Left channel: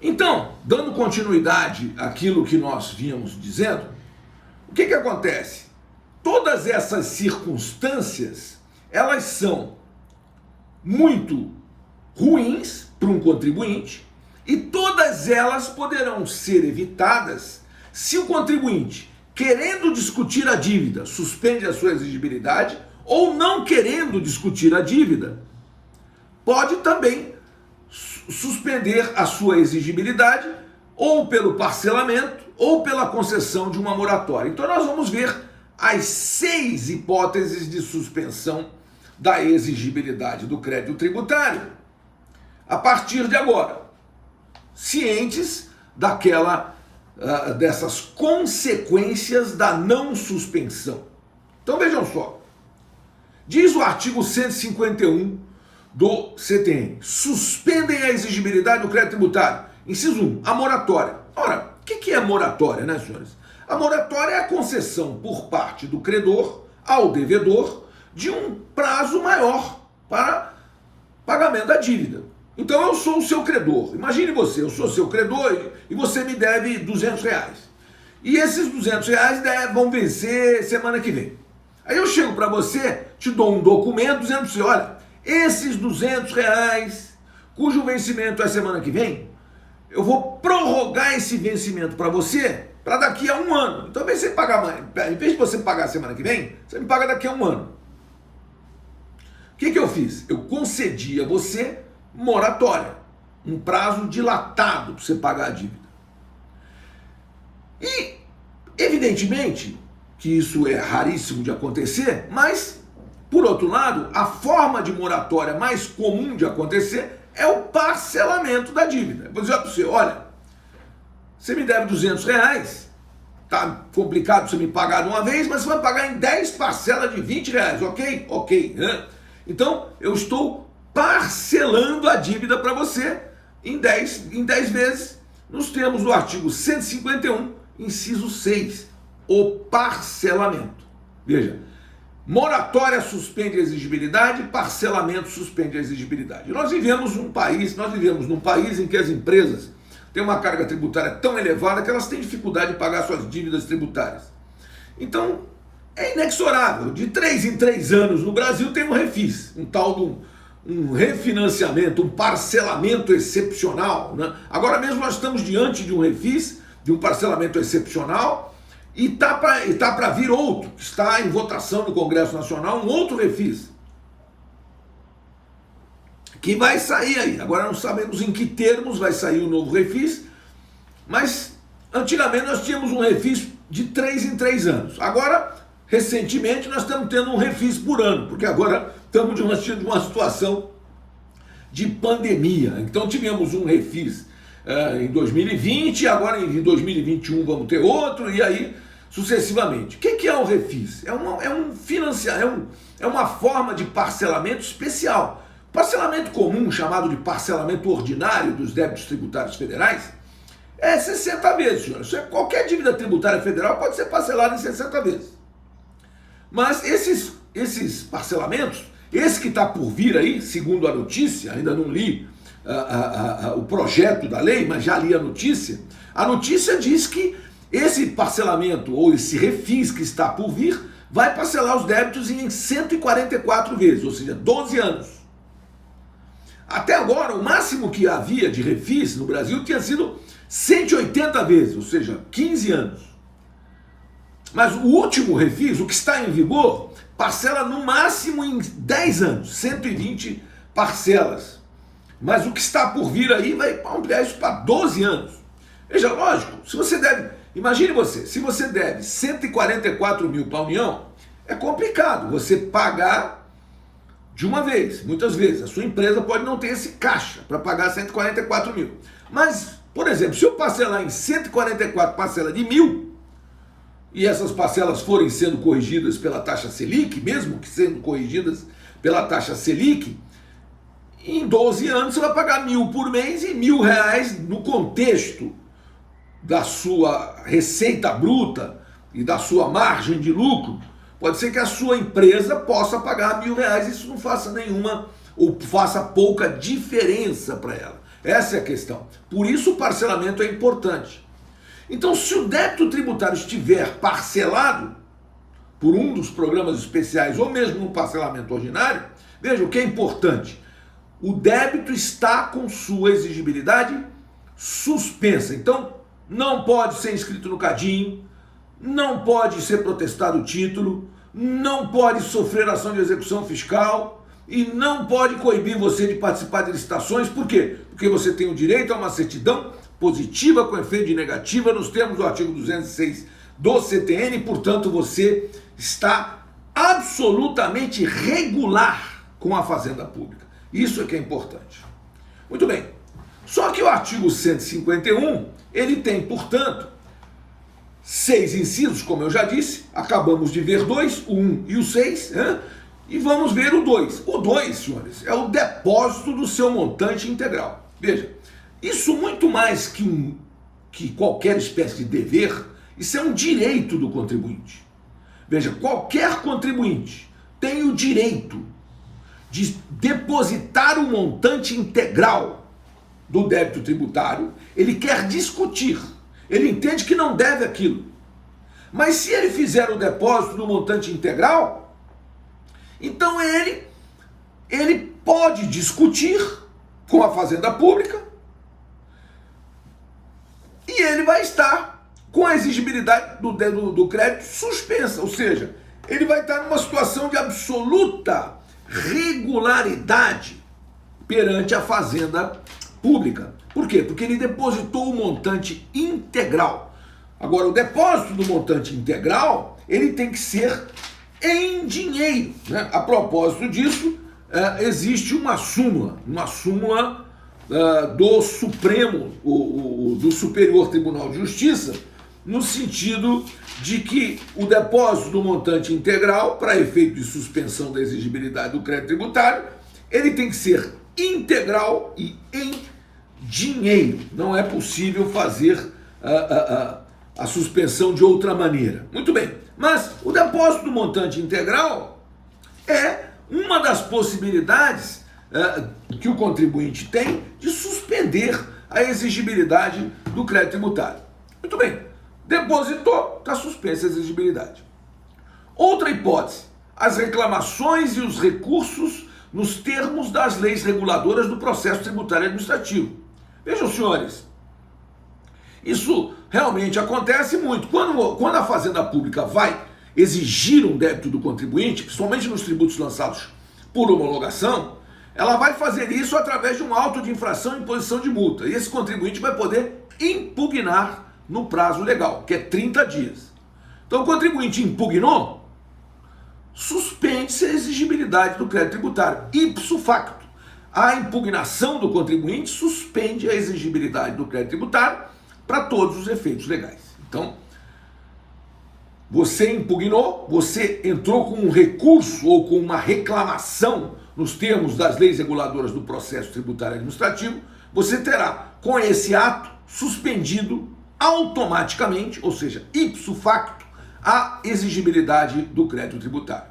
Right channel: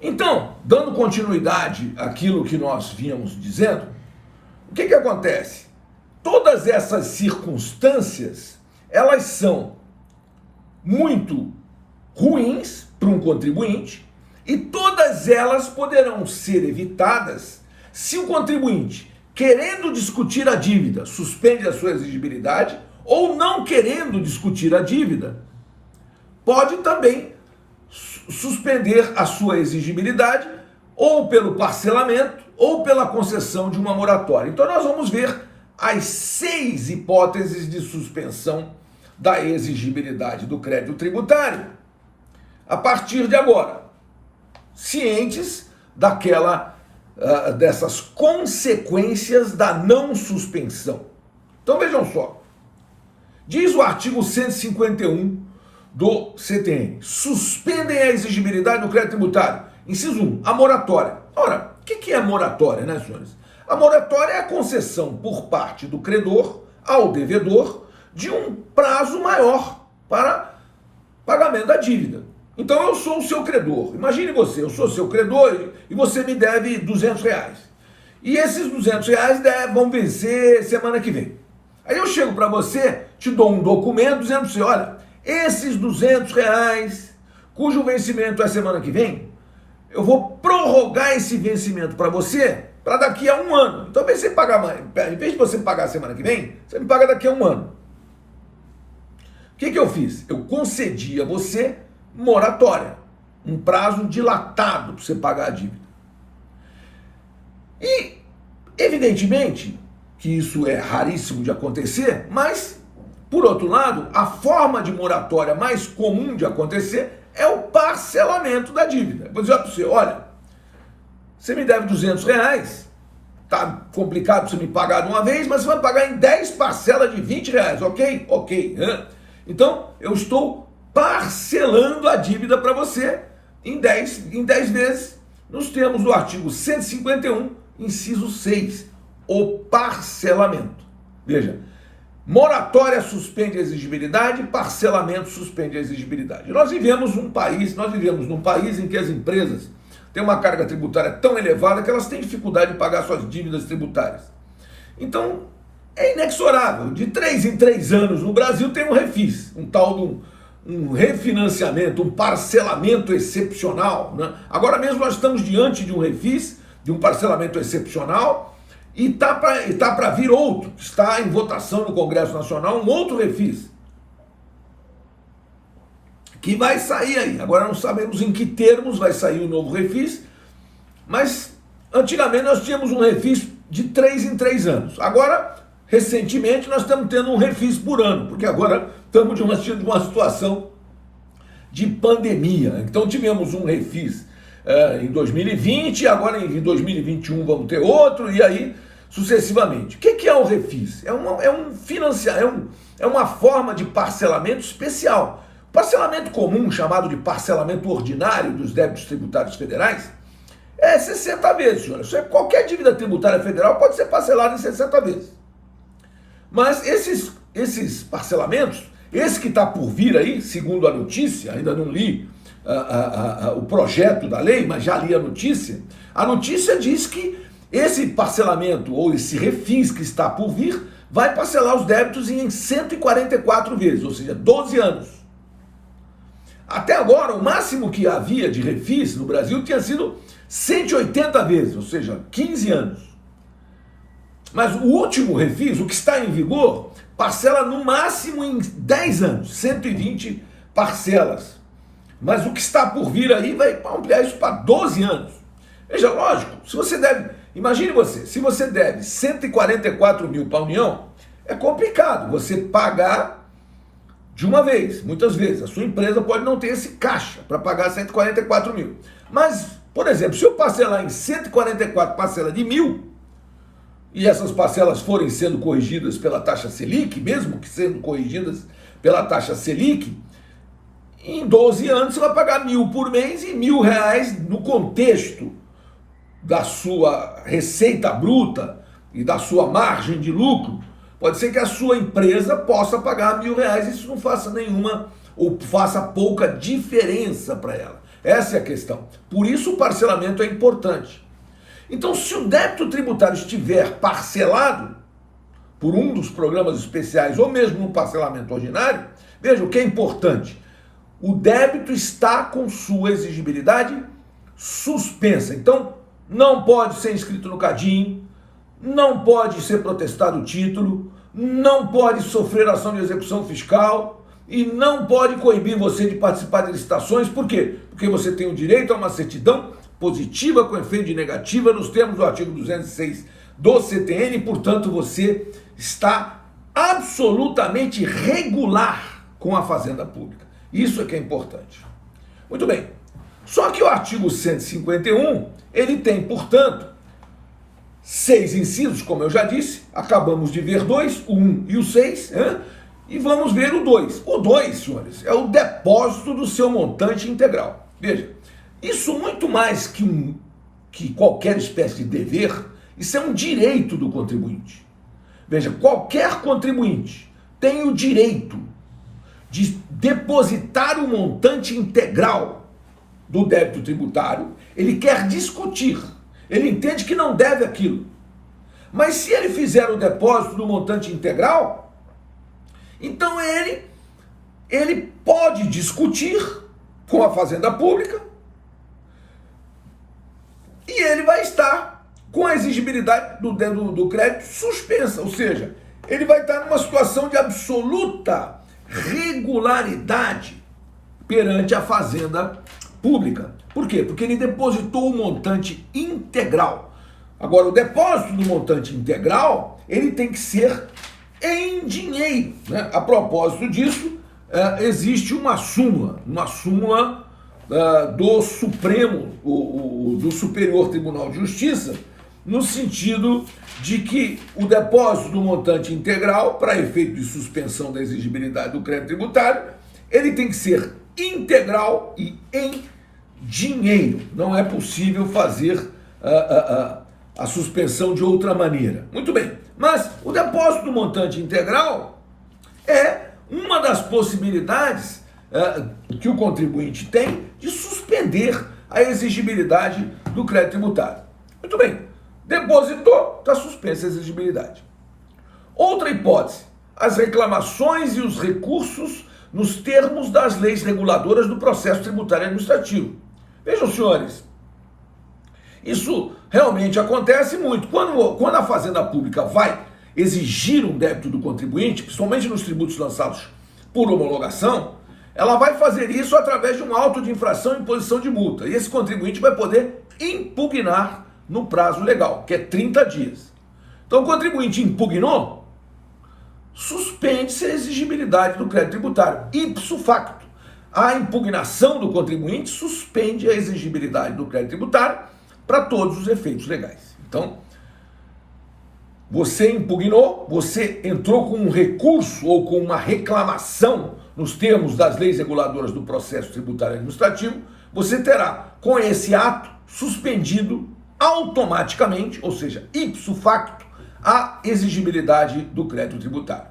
Então, dando continuidade àquilo que nós vínhamos dizendo, o que acontece? Todas essas circunstâncias, elas são muito ruins para um contribuinte e todas elas poderão ser evitadas se o contribuinte, querendo discutir a dívida, suspende a sua exigibilidade, ou não querendo discutir a dívida, pode também suspender a sua exigibilidade ou pelo parcelamento ou pela concessão de uma moratória. Então nós vamos ver as 6 hipóteses de suspensão da exigibilidade do crédito tributário a partir de agora, cientes dessas consequências da não suspensão. Então vejam só, diz o artigo 151 do CTN, suspendem a exigibilidade do crédito tributário. Inciso 1, a moratória. Ora, o que é moratória, né, senhores? A moratória é a concessão por parte do credor ao devedor de um prazo maior para pagamento da dívida. Então eu sou o seu credor. Imagine você, eu sou seu credor e você me deve R$200. E esses R$200 vão vencer semana que vem. Aí eu chego para você, te dou um documento dizendo para você, olha, esses R$200, cujo vencimento é semana que vem, eu vou prorrogar esse vencimento para você para daqui a um ano. Então, em vez de você pagar mais, em vez de você pagar semana que vem, você me paga daqui a um ano. O que eu fiz? Eu concedi a você moratória, um prazo dilatado para você pagar a dívida. E, evidentemente, que isso é raríssimo de acontecer, mas, por outro lado, a forma de moratória mais comum de acontecer é o parcelamento da dívida. Vou dizer para você, olha, você me deve R$200, tá complicado você me pagar de uma vez, mas você vai pagar em 10 parcelas de R$20, ok? Ok. Então, eu estou parcelando a dívida para você em 10 vezes, nos termos do artigo 151, inciso 6, o parcelamento. Veja, moratória suspende a exigibilidade, parcelamento suspende a exigibilidade. Nós vivemos num país em que as empresas têm uma carga tributária tão elevada que elas têm dificuldade de pagar suas dívidas tributárias. Então, é inexorável. De 3 em 3 anos no Brasil tem um refis, um tal de um refinanciamento, um parcelamento excepcional, né? Agora mesmo nós estamos diante de um refis, de um parcelamento excepcional, e tá para vir outro, está em votação no Congresso Nacional, um outro refis, que vai sair aí. Agora não sabemos em que termos vai sair o novo refis, mas antigamente nós tínhamos um refis de 3 em 3 anos. Agora, recentemente, nós estamos tendo um refis por ano, porque agora estamos diante de uma situação de pandemia. Então tivemos um refis em 2020, agora em 2021 vamos ter outro, e aí sucessivamente. O que é o refis? É uma forma de parcelamento especial. Parcelamento comum, chamado de parcelamento ordinário dos débitos tributários federais, é 60 vezes, senhor. Qualquer dívida tributária federal pode ser parcelada em 60 vezes. Mas esses parcelamentos, esse que está por vir aí, segundo a notícia, ainda não li o projeto da lei, mas já li a notícia diz que esse parcelamento, ou esse refis que está por vir, vai parcelar os débitos em 144 vezes, ou seja, 12 anos. Até agora, o máximo que havia de refis no Brasil tinha sido 180 vezes, ou seja, 15 anos. Mas o último refis, o que está em vigor, parcela no máximo em 10 anos, 120 parcelas. Mas o que está por vir aí vai ampliar isso para 12 anos. Veja, lógico, se você deve, imagine você, se você deve 144 mil para a União, é complicado você pagar de uma vez, muitas vezes. A sua empresa pode não ter esse caixa para pagar 144 mil. Mas, por exemplo, se eu parcelar em 144 parcelas de 1.000, e essas parcelas forem sendo corrigidas pela taxa Selic, mesmo que sendo corrigidas pela taxa Selic, em 12 anos você vai pagar 1.000 por mês e R$1.000 no contexto da sua receita bruta e da sua margem de lucro. Pode ser que a sua empresa possa pagar R$1.000 e isso não faça nenhuma ou faça pouca diferença para ela. Essa é a questão. Por isso o parcelamento é importante. Então, se o débito tributário estiver parcelado por um dos programas especiais ou mesmo no parcelamento ordinário, veja o que é importante. O débito está com sua exigibilidade suspensa. Então, não pode ser inscrito no CADIM, não pode ser protestado o título, não pode sofrer ação de execução fiscal e não pode coibir você de participar de licitações. Por quê? Porque você tem o direito a uma certidão positiva com efeito de negativa nos termos do artigo 206 do CTN, e, portanto, você está absolutamente regular com a Fazenda Pública. Isso é que é importante. Muito bem. Só que o artigo 151, ele tem, portanto, 6 incisos, como eu já disse. Acabamos de ver 2, o 1 e o 6, né? E vamos ver o 2. O 2, senhores, é o depósito do seu montante integral. Veja, isso muito mais que qualquer espécie de dever, isso é um direito do contribuinte. Veja, qualquer contribuinte tem o direito de depositar o montante integral do débito tributário. Ele quer discutir, ele entende que não deve aquilo. Mas se ele fizer o depósito do montante integral, então ele pode discutir com a Fazenda Pública e ele vai estar com a exigibilidade do crédito suspensa, ou seja, ele vai estar numa situação de absoluta regularidade perante a Fazenda Pública. Por quê? Porque ele depositou o montante integral. Agora, o depósito do montante integral, ele tem que ser em dinheiro, né? A propósito disso, existe uma súmula do Supremo, do Superior Tribunal de Justiça, no sentido de que o depósito do montante integral, para efeito de suspensão da exigibilidade do crédito tributário, ele tem que ser integral e em dinheiro. Não é possível fazer a suspensão de outra maneira. Muito bem, mas o depósito do montante integral é uma das possibilidades que o contribuinte tem de suspender a exigibilidade do crédito tributário. Muito bem, depositou, está suspensa a exigibilidade. Outra hipótese, as reclamações e os recursos nos termos das leis reguladoras do processo tributário administrativo. Vejam, senhores, isso realmente acontece muito. Quando a Fazenda Pública vai exigir um débito do contribuinte, principalmente nos tributos lançados por homologação, ela vai fazer isso através de um auto de infração e imposição de multa. E esse contribuinte vai poder impugnar no prazo legal, que é 30 dias. Então, o contribuinte impugnou, suspende-se a exigibilidade do crédito tributário. Ipso facto, a impugnação do contribuinte suspende a exigibilidade do crédito tributário para todos os efeitos legais. Então, você impugnou, você entrou com um recurso ou com uma reclamação nos termos das leis reguladoras do processo tributário administrativo, você terá, com esse ato, suspendido automaticamente, ou seja, ipso facto, a exigibilidade do crédito tributário.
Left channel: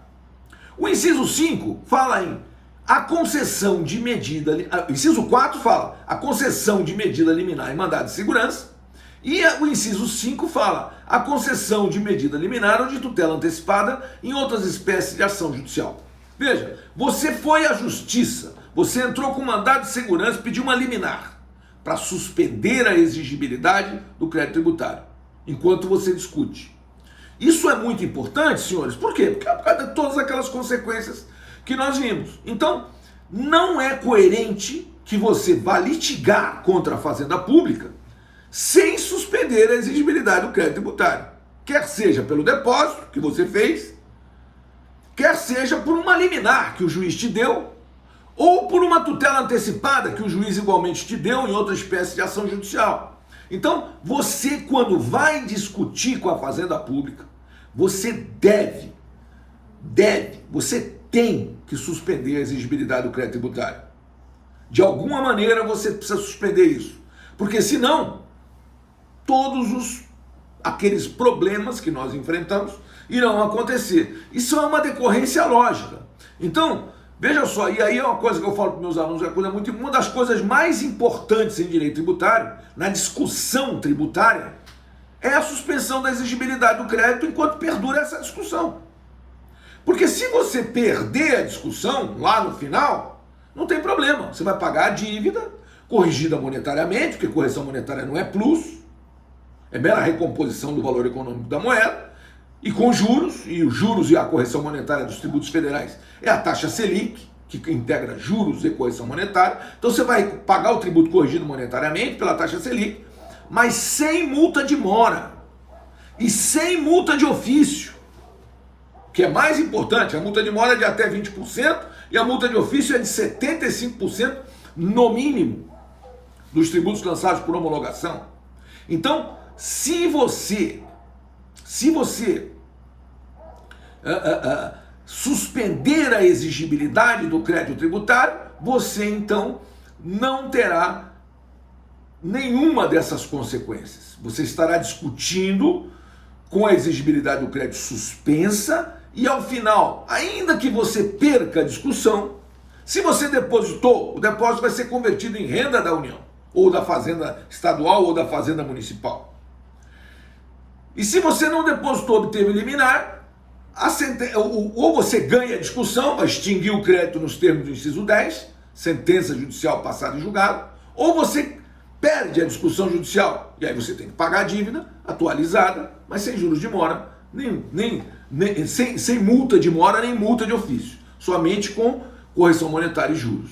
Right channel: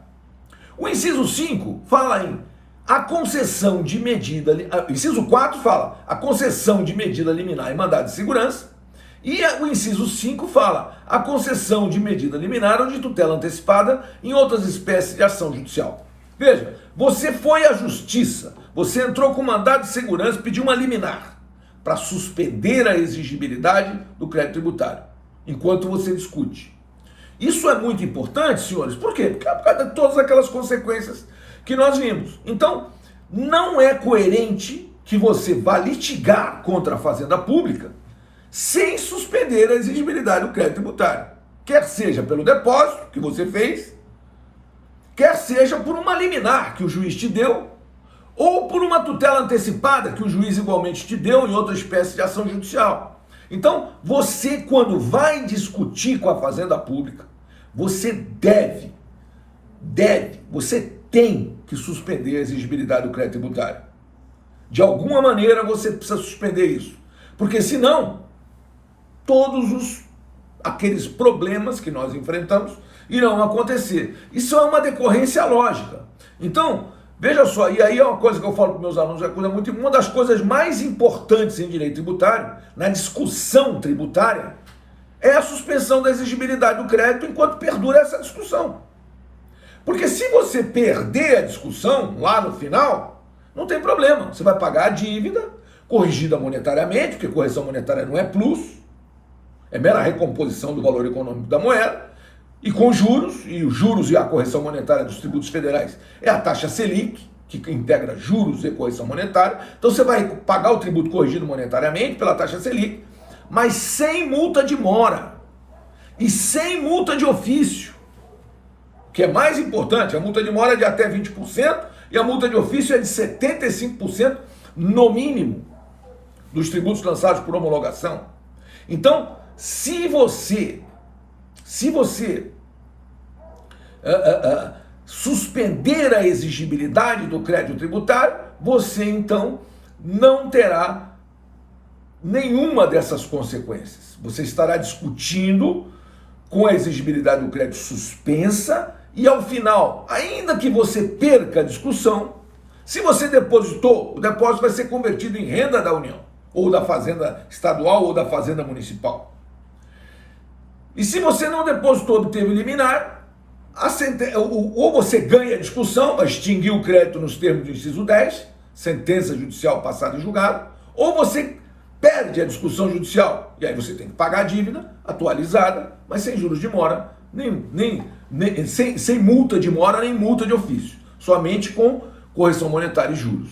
O inciso 5 fala em a concessão de medida, inciso 4 fala a concessão de medida liminar e mandado de segurança, e o inciso 5 fala a concessão de medida liminar ou de tutela antecipada em outras espécies de ação judicial. Veja, você foi à justiça, você entrou com mandado de segurança, pediu uma liminar para suspender a exigibilidade do crédito tributário, enquanto você discute. Isso é muito importante, senhores, por quê? Porque é por causa de todas aquelas consequências que nós vimos. Então, não é coerente que você vá litigar contra a Fazenda Pública sem suspender a exigibilidade do crédito tributário. Quer seja pelo depósito que você fez, quer seja por uma liminar que o juiz te deu, ou por uma tutela antecipada que o juiz igualmente te deu em outra espécie de ação judicial. Então, você, quando vai discutir com a Fazenda Pública, você você tem que suspender a exigibilidade do crédito tributário. De alguma maneira você precisa suspender isso, porque senão todos aqueles problemas que nós enfrentamos irão acontecer. Isso é uma decorrência lógica. Então, Veja só, e aí é uma coisa que eu falo para meus alunos, uma das coisas mais importantes em direito tributário, na discussão tributária, é a suspensão da exigibilidade do crédito enquanto perdura essa discussão. Porque se você perder a discussão lá no final, não tem problema. Você vai pagar a dívida, corrigida monetariamente, porque correção monetária não é plus, é mera recomposição do valor econômico da moeda, e com juros, e os juros e a correção monetária dos tributos federais é a taxa Selic, que integra juros e correção monetária. Então você vai pagar o tributo corrigido monetariamente pela taxa Selic, mas sem multa de mora e sem multa de ofício, que é mais importante. A multa de mora é de até 20% e a multa de ofício é de 75% no mínimo dos tributos lançados por homologação. Então, se você suspender a exigibilidade do crédito tributário, você então não terá nenhuma dessas consequências. Você estará discutindo com a exigibilidade do crédito suspensa e ao final, ainda que você perca a discussão, se você depositou, o depósito vai ser convertido em renda da União, ou da Fazenda Estadual, ou da Fazenda Municipal. E se você não depositou, obteve liminar, ou você ganha a discussão, vai extinguir o crédito nos termos do inciso 10, sentença judicial passada em julgado, ou você perde a discussão judicial, e aí você tem que pagar a dívida atualizada, mas sem juros de mora, sem multa de mora, nem multa de ofício, somente com correção monetária e juros.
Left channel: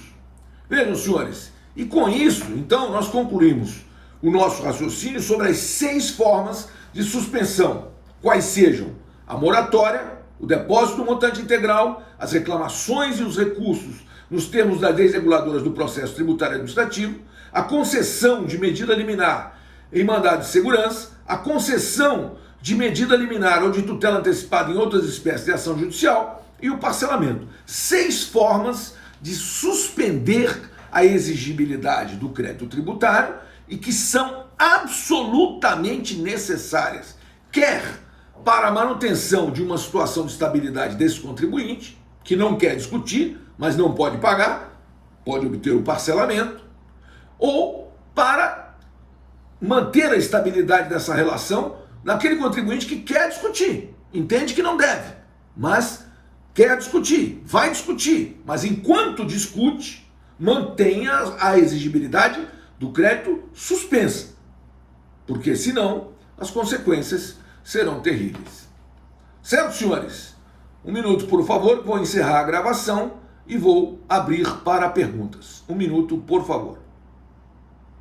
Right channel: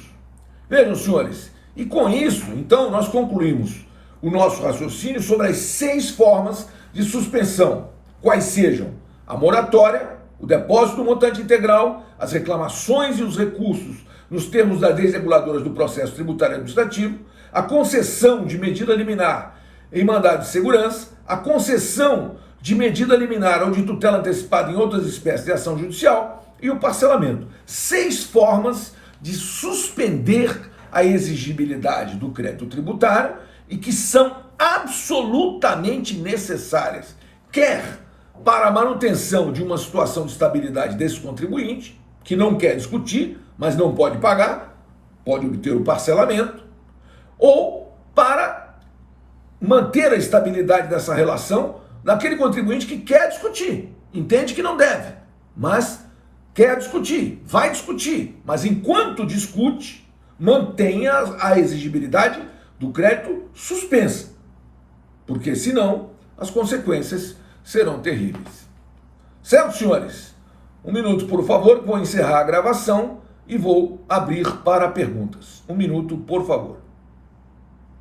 Vejam, senhores, e com isso, então, nós concluímos o nosso raciocínio sobre as 6 formas de suspensão, quais sejam a moratória, o depósito do montante integral, as reclamações e os recursos nos termos das leis reguladoras do processo tributário administrativo, a concessão de medida liminar em mandado de segurança, a concessão de medida liminar ou de tutela antecipada em outras espécies de ação judicial e o parcelamento. 6 formas de suspender a exigibilidade do crédito tributário e que são absolutamente necessárias, quer para a manutenção de uma situação de estabilidade desse contribuinte, que não quer discutir, mas não pode pagar, pode obter o parcelamento, ou para manter a estabilidade dessa relação daquele contribuinte que quer discutir, entende que não deve, mas quer discutir, vai discutir, mas enquanto discute, mantenha a exigibilidade do crédito suspensa, porque senão as consequências serão terríveis. Certo, senhores? 1 minuto, por favor, vou encerrar a gravação e vou abrir para perguntas. 1 minuto, por favor.